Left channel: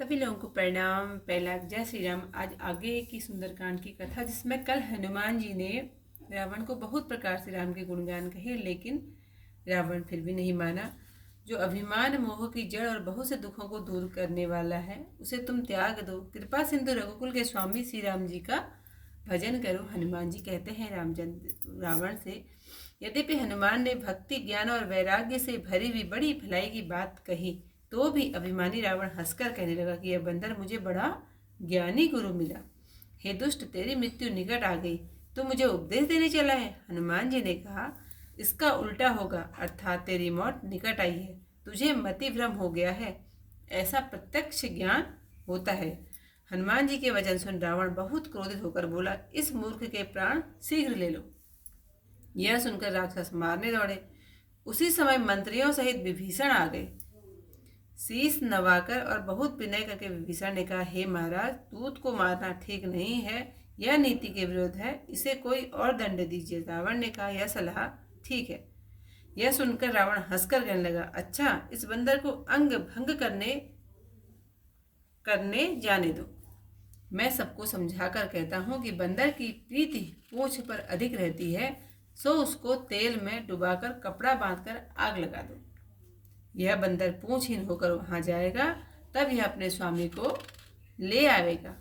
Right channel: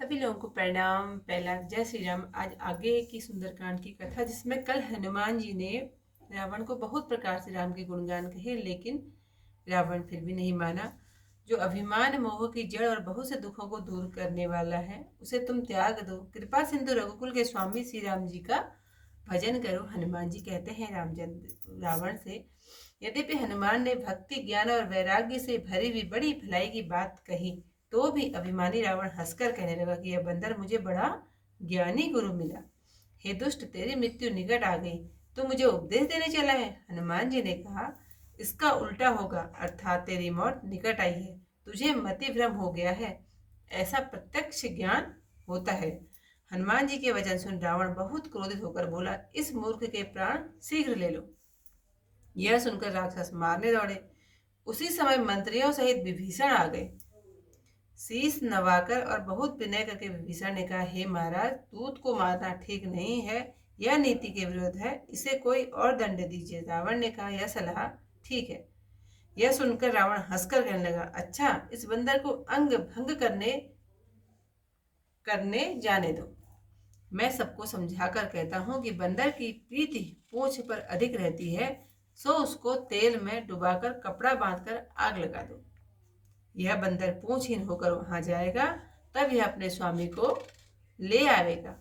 सभी लोगों को प्रणाम। पहला जय श्री राम। आज आगे की सुंदरकांड की कथा, जिसमें कल हनुमान जी ने रावण को बहुत प्रकार से राम के गुणगान कहे, लेकिन रावण फिर भी नहीं माना। जो अभिमान मोह की जड़ और बहुत से दुखों को दूर करने वाला है, उसे तुम त्याग दो। कृपा सिंधु रघुकुल के स्वामी श्री राम जी का भजन करो। हनुमान जी कहते हैं रावण से, यद्यपि हनुमान ने भक्ति ज्ञान और वैराग्य से भरी हुई बड़ी भलाई की बात कही, तो भी अभिमानी रावण हंसकर कहने लगा कि यह बंदर मुझे बड़ा ज्ञानी गुरु मिला। हे दुष्ट, तेरी मृत्यु निकट आ गई, तू मुझे उपदेश देने चला है। हनुमान जी ने कहा, इसका उल्टा होगा, अर्थात तेरी मौत निकट आई है। तुझे मति भ्रम हो गया है, ऐसा प्रत्यक्ष ज्ञान होता है। हनुमान जी के वचन सुन रावण बहुत क्रोधित होकर बोला, इस मूर्ख के प्राण शीघ्र ले लो। यह सुनकर राक्षस मारने दौड़े। उसी समय मंत्रियों सहित विभीषण आ गए। शीश नवाकर और बहुत विनय करके विभीषण ने कहा, हे महाराज, दूत को मारना ठीक नहीं है, यह नीति के विरुद्ध है, इसे कोई और दंड दीजिए। रावण ने कहा, यह सलाह ठीक है। यह सुनकर रावण हंसकर कहने लगा, अच्छा, इस बंदर को अंग भंग करने जाने दो। मैं सबको समझाकर कहता हूँ कि बंदर की प्रीति पूंछ पर अधिक रहती है, सो उसको तेल में डुबाकर कपड़ा बांधकर आग लगा दो। यह बंदर पूंछहीन होकर वहां जाएगा, तब यह अपने स्वामी को ले आवेगा।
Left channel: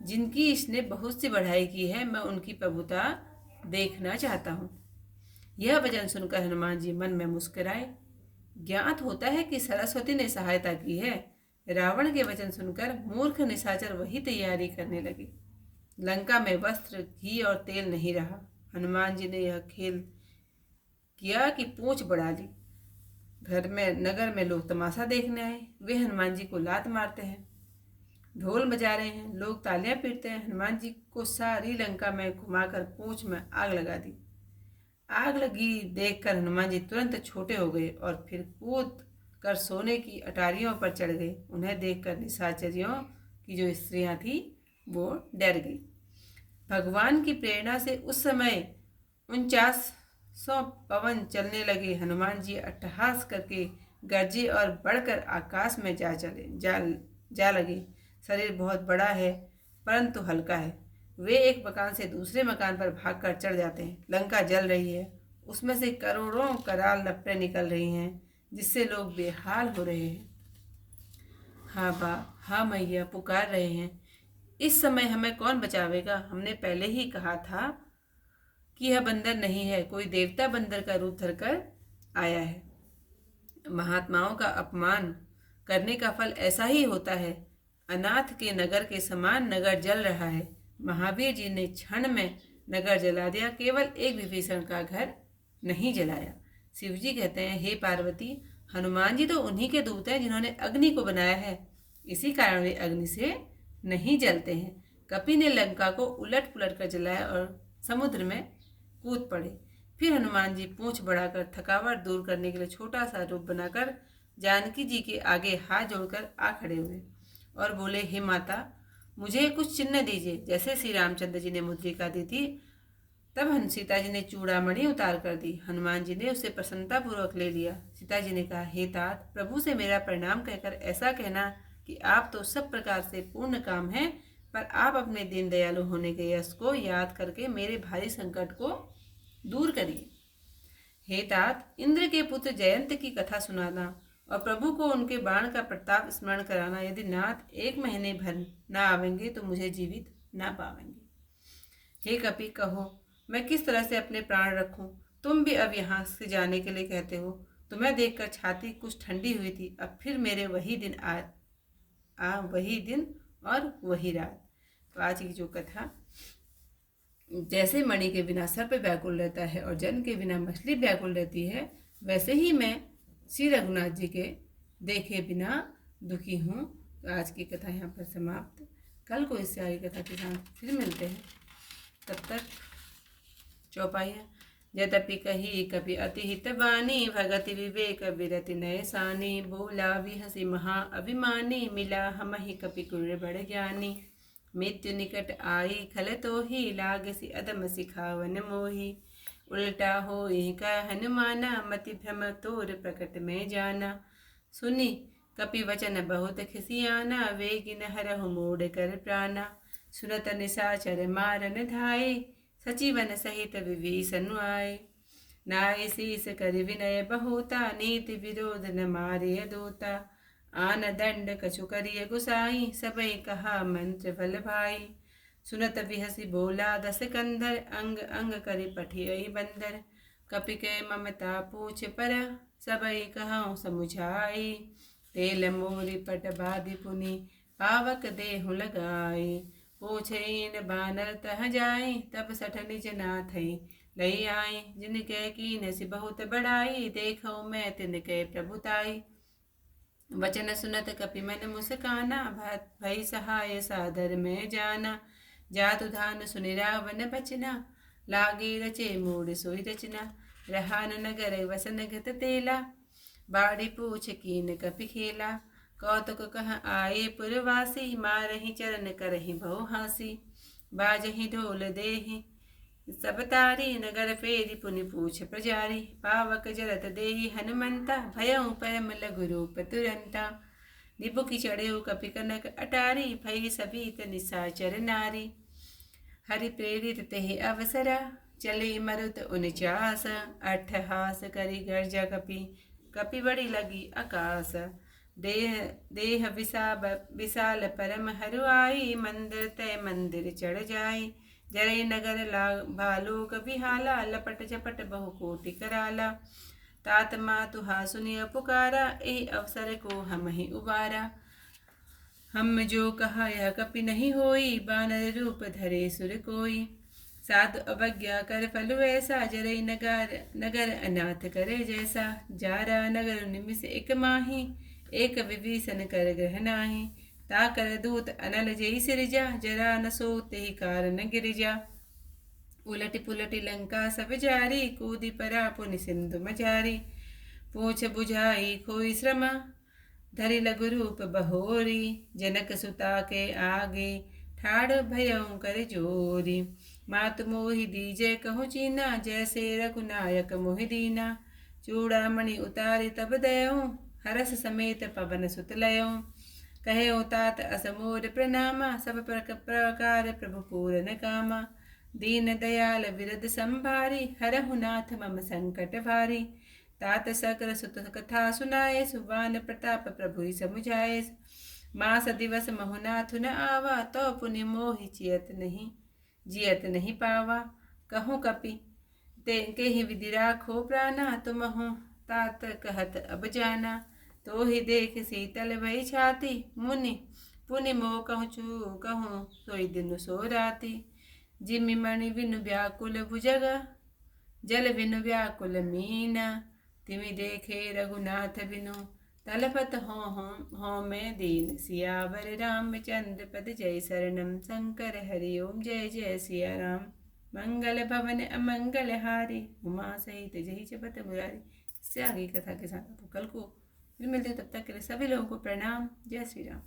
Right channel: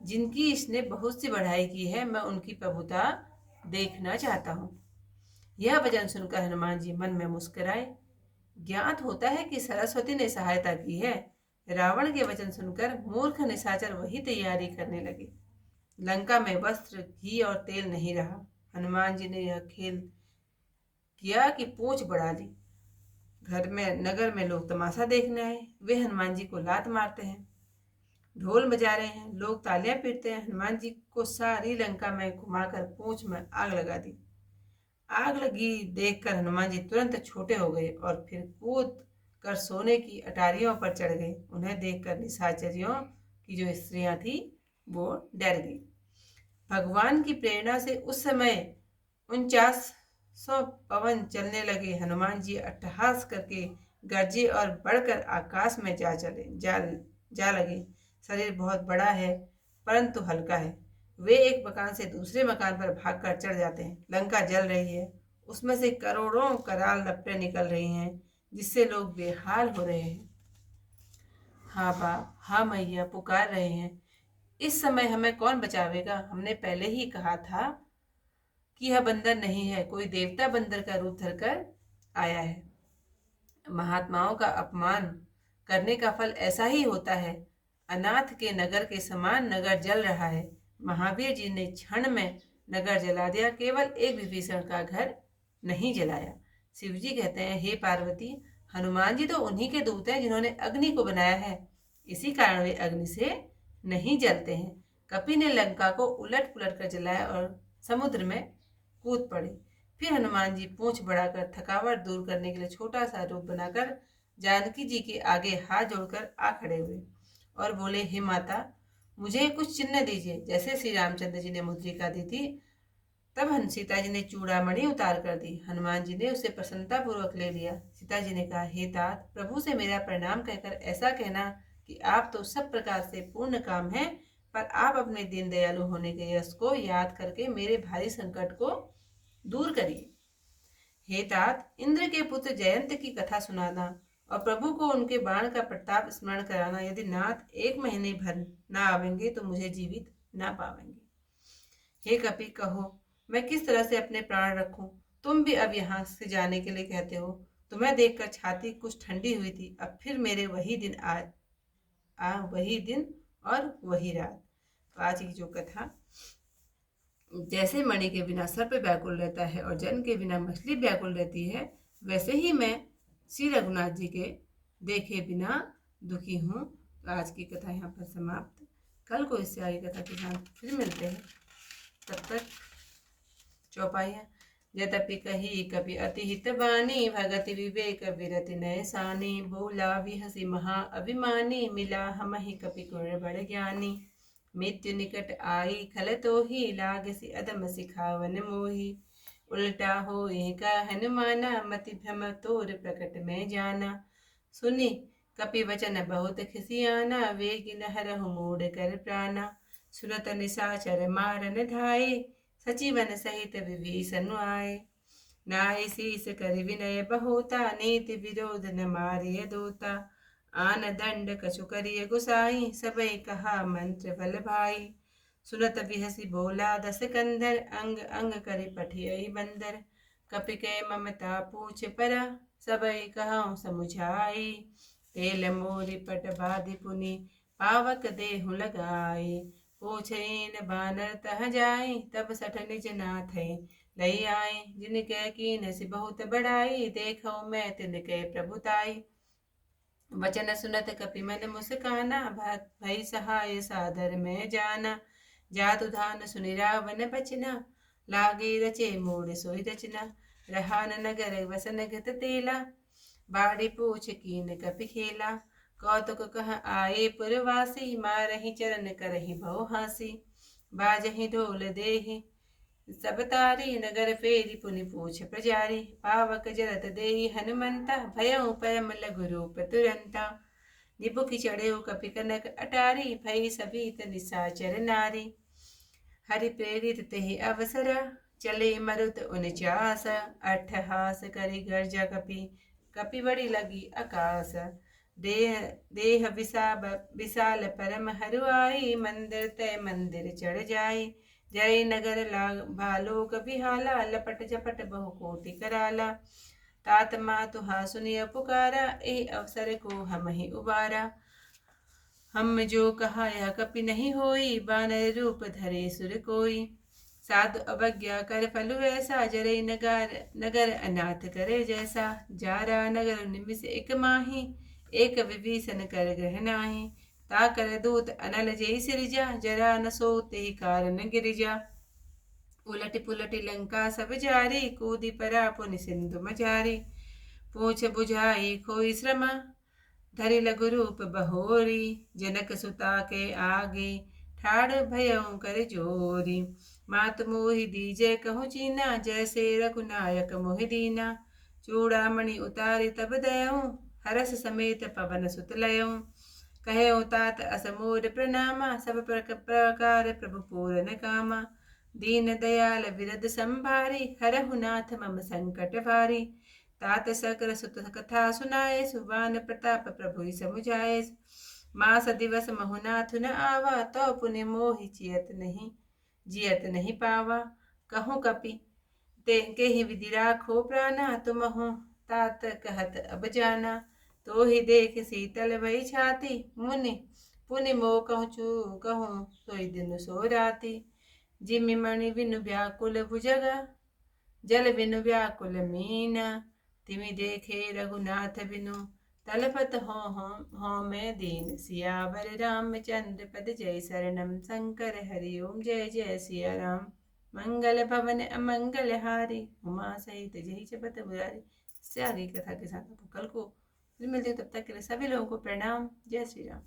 जिनकी इसने बहुत सी बढ़ाई की है, मैं उनकी प्रभुता देखना चाहता हूँ। यह वचन सुनकर हनुमान जी मन में मुस्कुराए। ज्ञात होता है कि सरस्वती ने सहायता की है। रावण के वचन सुनकर मूर्ख निशाचर वही तैयारी करने लगे। लंका में वस्त्र, घी और तेल नहीं रहा। हनुमान जी ने यह खेल किया कि पूंछ बढ़ा ली। नगर में लोग तमाशा देखने आए। वे हनुमान जी को लात मारते हैं, ढोल बजा रहे हैं, लोग तालियां पीटते हैं। हनुमान जी को सारी लंका में घुमाकर पूंछ में आग लगा दी। आग लगी देखकर हनुमान जी तुरंत छोटे हो गए और फिर कूद कर सोने की अटारियों पर चढ़ गए। उन्हें देखकर निशाचरियों की जो स्त्रियां थी वो डर गई। भगवान की प्रेरणा से उस समय 49 पवन चलने लगे। हनुमान जी अट्टहास करके गरजे और बढ़कर आकाश में जा लगे। शरीर बहुत बड़ा है, परंतु हल्का है। वे एक मकान से दूसरे मकान पर भागकर चढ़ जाते हैं। लंका जल रही है, उसमें से करोड़ों कराल लपटें निकल रही हैं, जिससे लोग बेहाल हो रहे हैं। हाँ बाप, हाँ मैया पुकार रहे हैं। इस समय हमें कौन बचावेगा? हमने पहले ही कहा था कि यह बंदर नहीं है, कोई देवता बंदर का रूप धरकर आया है। महात्माओं का अपमान करने का फल ऐसा ही होता है। अनाथ के नगर के समान नगर जल रहा है। महावीर जी ने क्षण में नगर जला दिया, केवल एक विभीषण का घर नहीं जलाया। शिव जी कहते हैं, हे पार्वती, हनुमान जी तो उन्हीं के दूत हैं जिन्होंने अग्नि को बनाया है, इसी कारण वे अग्नि से नहीं जलते हैं। कपि ने लंका को उलट पुलट कर जलाया और समुद्र में कूद पड़े। फिर हनुमान जी पूंछ बढ़ाकर थकावट दूर करने के लिए छोटा सा रूप बनाकर जानकी जी के आगे हाथ जोड़कर आ खड़े हुए और बोले, हे माता, मुझे कुछ चिन्ह दीजिए, जैसे श्री रामचंद्र जी ने मुद्रिका दी थी। तब सीता जी ने चूड़ामणि उतार कर दी। हनुमान जी ने उसे प्रसन्नता पूर्वक ले लिया। सीता जी ने कहा, हे तात, प्रभु से मेरा प्रणाम कहकर ऐसा कहना कि आप तो सब प्रकार से पूर्ण काम हैं, पर आप अपने दीन दयालु होने के यश को याद करके मेरे भारी संकट को दूर करिए। हे तात, इंद्र के पुत्र जयंत की कथा सुनाना और प्रभु को उनके बाण का प्रताप स्मरण कराना। यदि नाथ 1 महीने भर ना आवेंगे तो मुझे जीवित ना पावेंगे। हे कपि, कहो मैं किस तरह से अपने प्राण रखूं? तुम भी अब यहाँ से जाने के लिए कहते हो। तुम्हें देखकर छाती कुछ ठंडी हुई थी। अब फिर मेरे वही दिन वही दिन और वही रात। तो आज की जो कथा, जैसे मणि के बिना सर्प व्याकुल रहता है और जन के बिना मछली व्याकुल रहती है, वैसे ही मैं श्री रघुनाथ जी के देखे बिना दुखी हूँ। तो आज की कथा यहाँ पर समाप्त। कल को इससे आगे कथा के साथ फिर मिलते हैं। तब तक चौपाइयाँ। यद्यपि कही कपि अति हित बानी, भगति विवेक विरति नय सानी। बोला विहसी महा अभिमानी, मिला हमहि कपि कुर बड़ ज्ञानी। मृत्यु निकट आई खल तो ही, लागसी अदम सिखावन मोही। उल्टा होई का हनुमाना, मति भ्रम तोर प्रकट में जाना। सुनी कपि वचन बहुत खिसियाना, वेगी न हरहु मूढ़ कर प्राणा। सुनत निशाचर मारन धाये, सचिवन सहित विभीषण आए। नाय शीस कर विनय बहुता, नीति विरोध न मारिय दूता। आन दंड कछु करिय गुसाई, सबई कहा मंत्र बल भाई। सुनत बिहसी बोला दस कंधर, अंग अंग करि पठियहि बंदर। कपि के ममता पूछ परा, सबई कहउँ समुझाई। तेल मोरि पट बाधि पुनि, पावक देहु लगाई। पूछइन बानर तह जाई, तब सठ निज नाथै लई आए। जिनके कीनसि बहुत बड़ाई, देखौ मैं तिनके प्रभुताई। वचन सुनत कपि मन मुस्काना, भई सहाय सादर में जाना। जातु धान सुनि रावण बचना, लागे रचे मूढ़ सोई रचना। रहा न नगर वसन गत तेला, बाड़ी पूछ कीन कपि खेला। कौतुक कह आए पुरवासी, मारहि चरण करहि भौ हासी। बाजहि ढोल देहि सब तारी, नगर फेरी पुनि पूछ प्रजारी। पावक जरत देहि हनुमंता, भयउ परम लघु रूप तुरंता। निबुखि चढ़ेउ कपि कनक अटारी, भई सभीत निशाचर नारी। हरि प्रेरित तेहि अवसरा, चले मरुत 49। अट्ठहास करि गर्जा कपि, कपि बड़ी लगी आकाश। देह विशाल परम हरुआई, मंदिर तय मंदिर चढ़ जाई। जय नगर भालोक बिहाला, लपट झपट बहु कोटि कराला। तात मातु हा सुनिय पुकारा, एहि अवसर को हम ही उबारा। हम जो कहा यह कपि नहीं होई, बानर रूप धरे सुर कोई। साधु अवज्ञा कर फल ऐसा, जरई नगर अनाथ करे जैसा। जारा नगर निमिष एक माही, एक विभीषण कर ग्रह नाही। ताकर दूत अनल जय सिरजा, जरा न सो तेहि कारण गिरिजा। उलटि पुलटि लंका सब जारी, कूदि परा पुनि सिंधु मझारी। पूछ बुझाई खोई श्रमा, धरि लघु रूप बहोरी। जनक सुता के आगे, ठाड़ भयउ कर जोरी। मातु मोहि दीजय कहु चीना, जैसे रघुनायक मोहि दीना। चूड़ामणि उतारि तब दयउ, हरस समेत पवन सुत लयउ। कहेउ तात अस मोर प्रणामा, सब प्रकार प्रभु पूरन कामा। दीन दयाल बिरद संभारी, हरहु नाथ मम संकट भारी। तात सकल सुत कथा सुनाए, सुबान प्रताप प्रभु समुझाए। मास दिवस महु नाथ न आवा, तो पुनि मोहि जियत नहीं पावा। कहूँ कपि ते केहि विधि राखो प्राणा, तुमहु तात कहत अब जाना। तो ही देख शीतल भई छाती, मुनि पुनि मोह कहूँ सोई दिन सो राती। जिमि मणि बिनु व्याकुल भुजगा, जल बिनु व्याकुल मीना। तिमि देखे रघुनाथ बिनु, तलपत हों मैं दीन। सियावर रामचंद्र पद जय शरणम, शंकर हरि ओम जय जय सिया राम। मंगल भवन अमंगल हारी, उमा सहित जय जपत मुरारी। इससे आगे कथा के साथ आपको कल को फिर मिलते हैं, तब तक के लिए सभी लोगों को प्रणाम। जय श्री राम।